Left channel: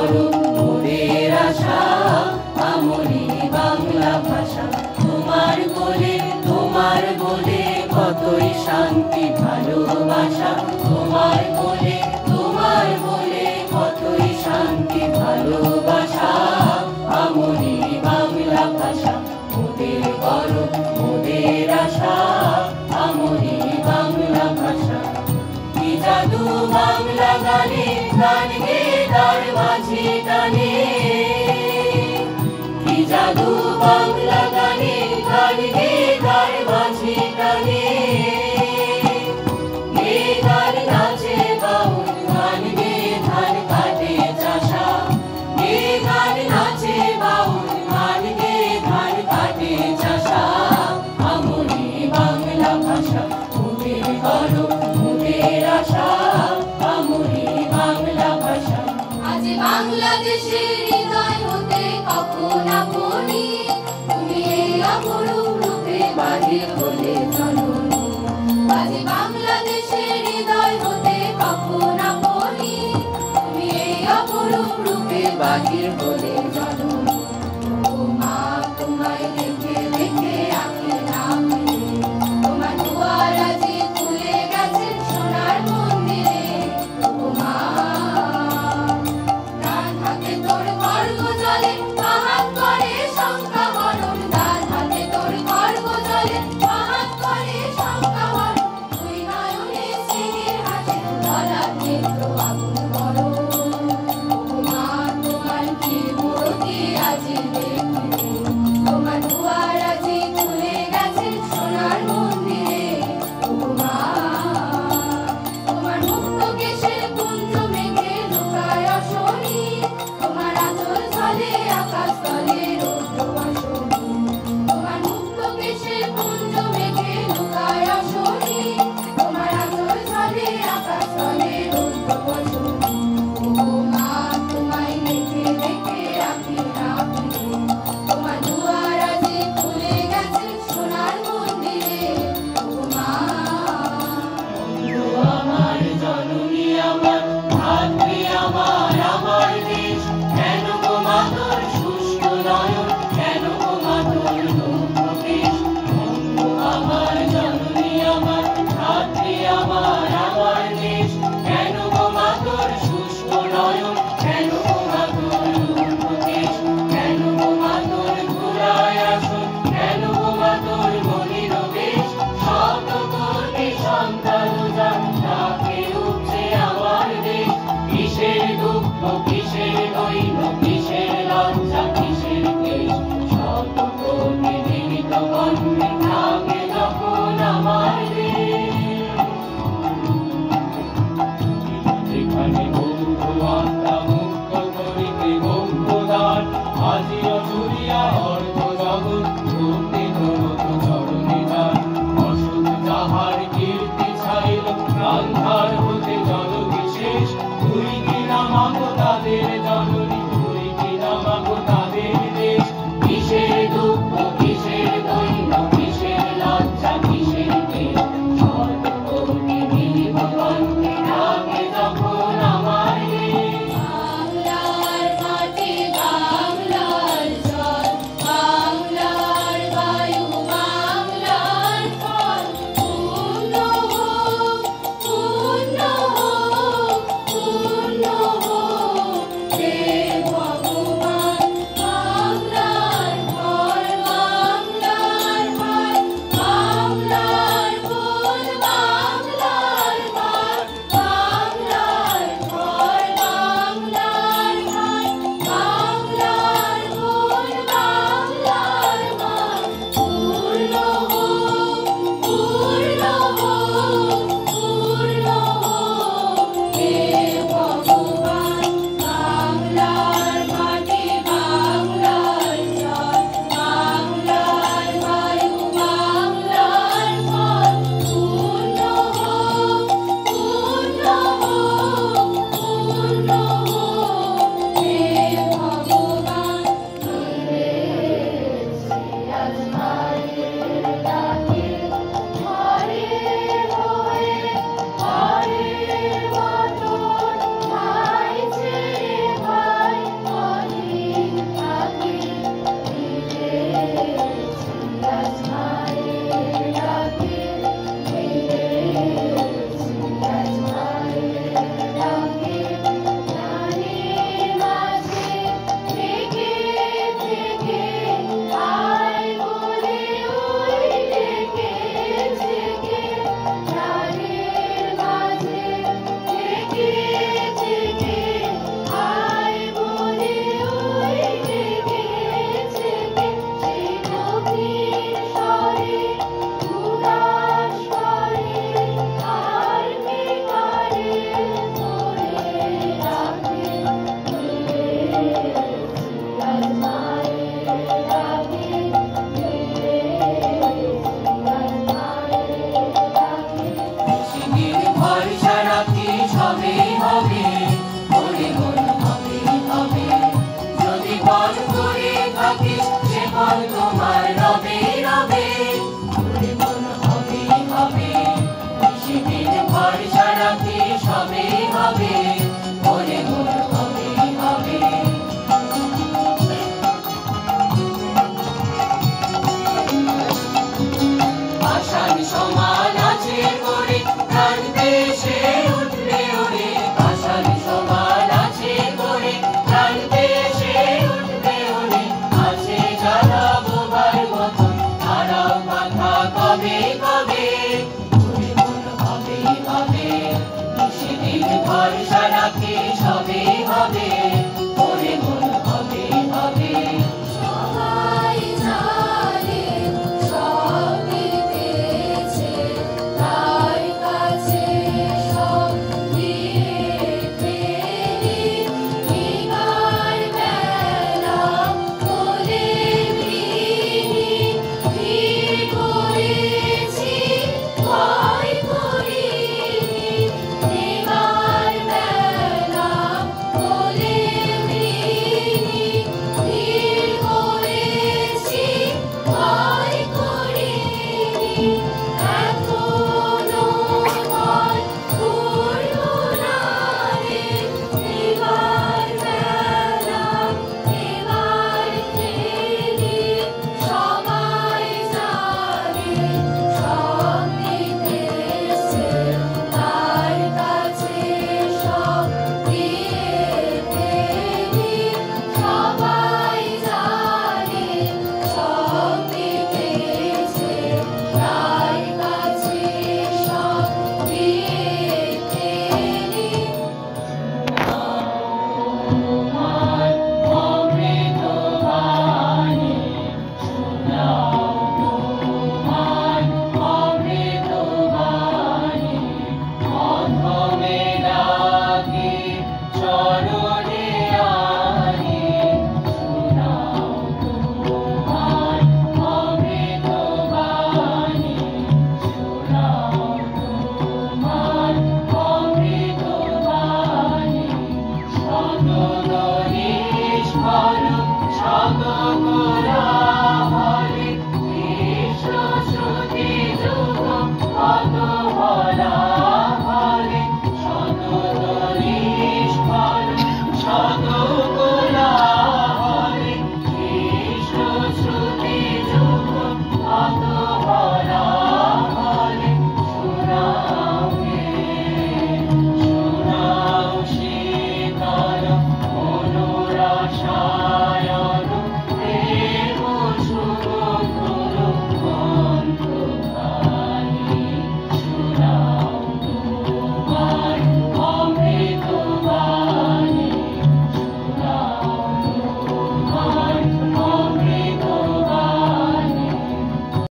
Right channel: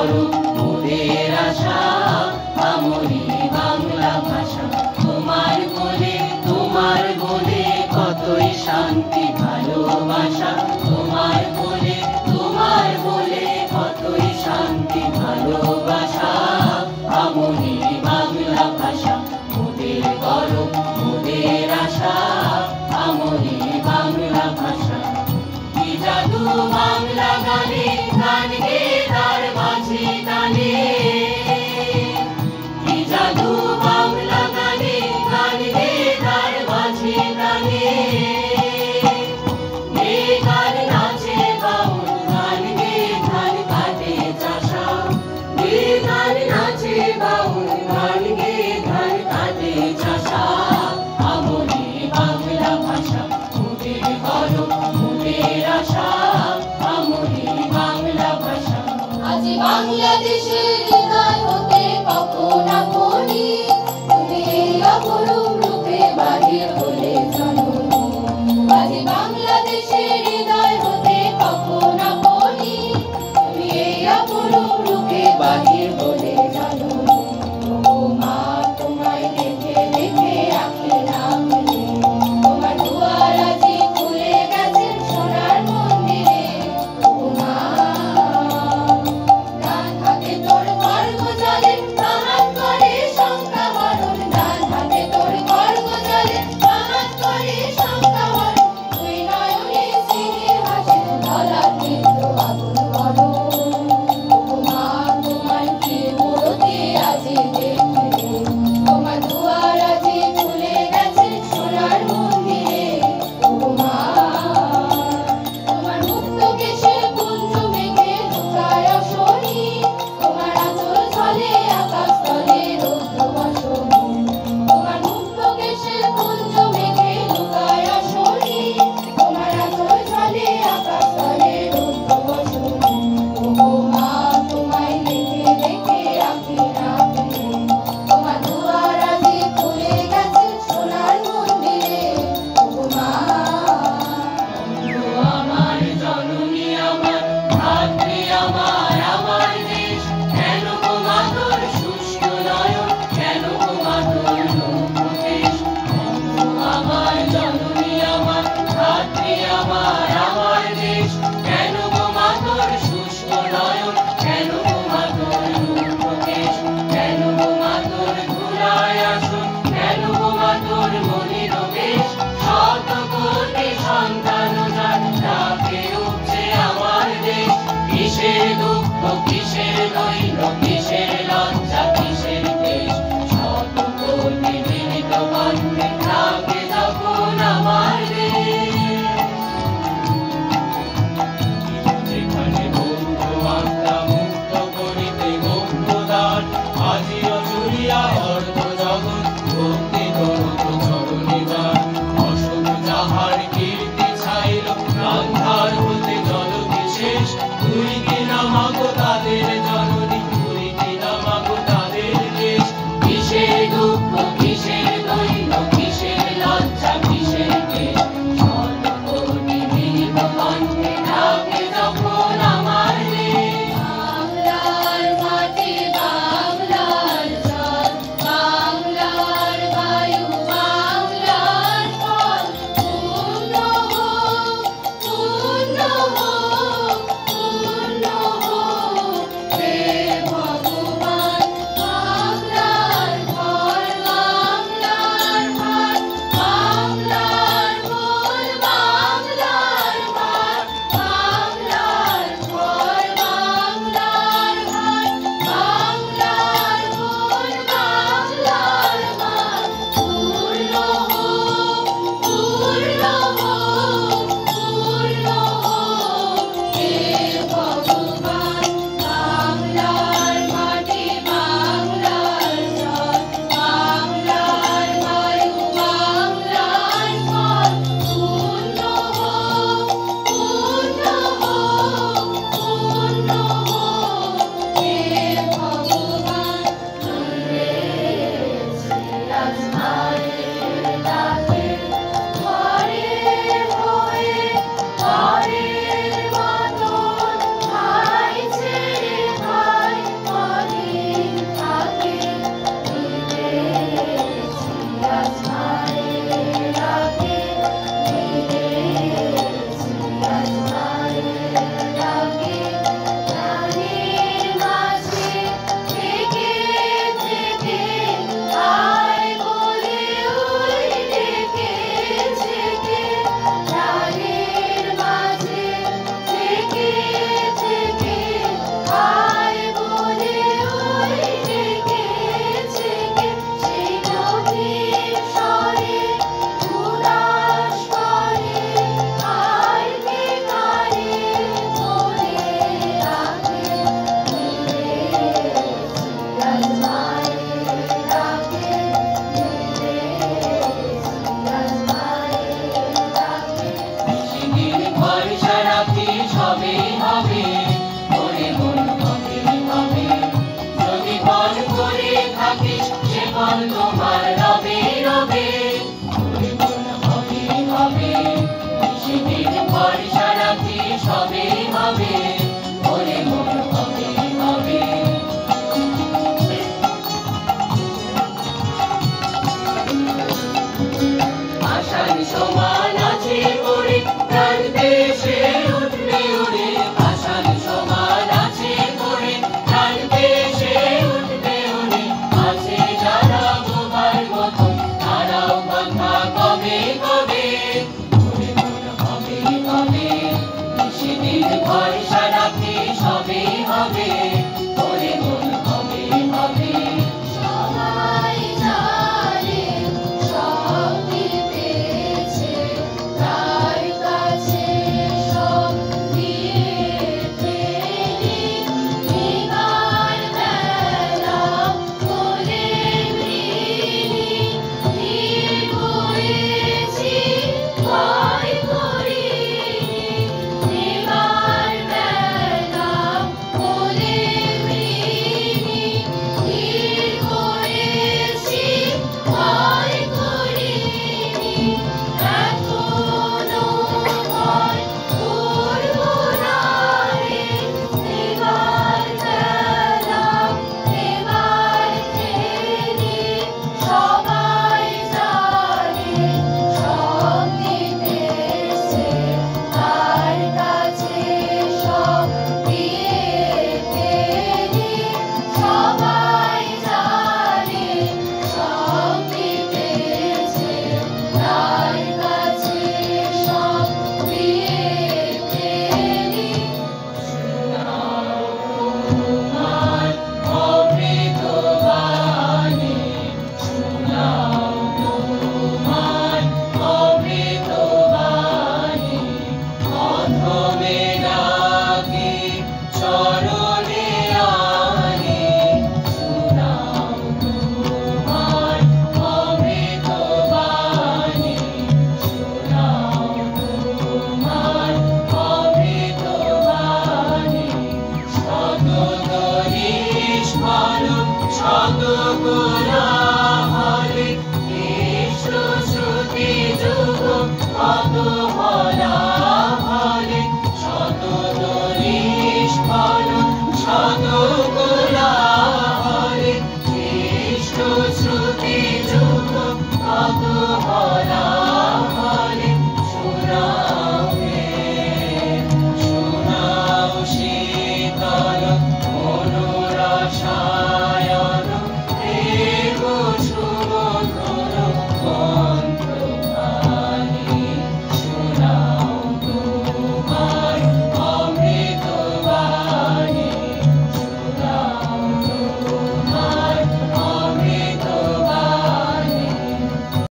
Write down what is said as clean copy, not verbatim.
গৌরব মোদের আশা আমরি বাংলা ভাষা। তোমার বলে কতই শান্তি ভালোবাসা, তোমার বলে কতই শান্তি ভালোবাসা। আমরি বাংলা ভাষা মোদের গৌরব মোদের আশা আমরি বাংলা ভাষা। কি জাদু বাংলা গানে গান গে তার মাঝি টানে, কি জাদু বাংলা গানে গান গে তার মাঝি টানে। গে গান নাচে বাউল গান গে ধান কাটে চাষা, গে গান নাচে বাউল গান গে ধান কাটে চাষা। আমরি বাংলা ভাষা মোদের গৌরব মোদের আশা আমরি বাংলা ভাষা। আজ বাংলাদেশের হৃদয় হতে কখন আপনি তুমি এই অপরূপ রূপে বাহির হলে জননী। আজ বাংলাদেশের হৃদয় হতে কখন আপনি তুমি এই অপরূপ রূপে বাহির হলে জননী। ও মা তোমায় দেখে দেখে আঁখি নামে, তোমার দুয়ার আজি খুলে গেছে সোনার মন্দিরে। ও মা ডান হাতে তোর খড়গ জলে আহাত করে শঙ্কা বরণ, ডান হাতে তোর খড়গ জলে আহাত করে শঙ্কা বরণ। তুই নয়নে স্মৃতির হাসি ধরাতে তো আগুন করো। ও মা তোমার কি মূর্তি আজি দেখি, তোমার দুয়ার আজি খুলে গেছে সোনার মন্দিরে। ও মা তোমার মুক্ত কেশের কুঞ্জ মেঘে লুকায় আসনি, তোমার আঁচল ঝলে আকাশ তলে রৌদ্র বাসনি। তোমার মুক্ত কেশের কুঞ্জ মেঘে লুকায় আসনি, তোমার আঁচল ঝলে আকাশ তলে রৌদ্র বাসনি। ও মা তোমায় দেখে দেখে আঁখি রাখি, তোমার দুয়ার আজি খুলে গেছে সোনার মন্দিরে। ও মা আমার জননী আমার ধাত্রী আমার আমার দেশ, কেন গো মা তোর শুষ্ক নয়ন, কেন গো মা তোর লোকদেশ। আমার জননী আমার ধাত্রী আমার আমার দেশ, কেন গো মা তোর শুষ্ক নয়ন, কেন গো মা তোর লোকদেশ। কেন গো মা তোর ধুলায় আসন, কেন গো মা তোর মলিন বেশ। শত কোটি সন্তান যার ডাকে উঠছে আমার দেশ। কিসের দুঃখ কিসের দৈন্য কিসের লজ্জা কিসের দেশ, শত কোটি জীবিত কণ্ঠে ডাকে যখন আমার দেশ। যেখানে বৌদ্ধ আত্মা মুক্ত করিতে গৌরদান, আজিও চুরিয়া অর্ধ জগৎ ভক্তি করত চরণে যান। অশোক যাহার কীর্তি ছাইল গান্ধার হতে জল বিশেষ, তুই কিনা মাগো তাদের জননী, তুই কিনা মাগো তাদের দেশ। কিসের দুঃখ কিসের দৈন্য কিসের লজ্জা কিসের দেশ, শত কোটি জীবিত কণ্ঠে ডাকে যখন আমার দেশ। বাংলার মাটি বাংলার জল, বাংলার বায়ু বাংলার ফল। পূর্ণ হোক পূর্ণ হোক পূর্ণ হোক জীবন তোমার রবে রবে ওরে মন হবে হবে সেদিন ভরসা রাখি সবে হবে ওরে মন হবে হবে আশার সমান আছে করে প্রাণ দেশে উঠবে ওরে আশার সমান আছে করে প্রাণ দেশে উঠবে ওরে আছে যারা বোবার মতন তারাও বাঁধা কবে কবে ওরে মন হবে হবে সেদিন ভরসা রাখি সবে হবে ওরে মন হবে হবে সবাই জানে সব দিতেছে তার কাছে সব দিতে বিবার বেলা বলে মৃণী ভিড় করেছি ভয় করিনি বিবার বেলা বলে মৃণী ভিড় করেছি ভয় করিনি এখনো ভয় করব না রে বিবার বেলা এবার খেলি সবাই জানে সব দিতেছে তার কাছে সব দিয়ে ফেলি সবাই জানে সব দিতেছে তার কাছে সব দিয়ে ফেলি তোমার অমৃত বাণী শোনাও তোমার অমৃত বাণী অধমে ডাকি চরণে আনি শোনাও তোমার অমৃত বাণী শোনাও তোমার অমৃত বাণী শত নিষ্ফল শত কোলাহলে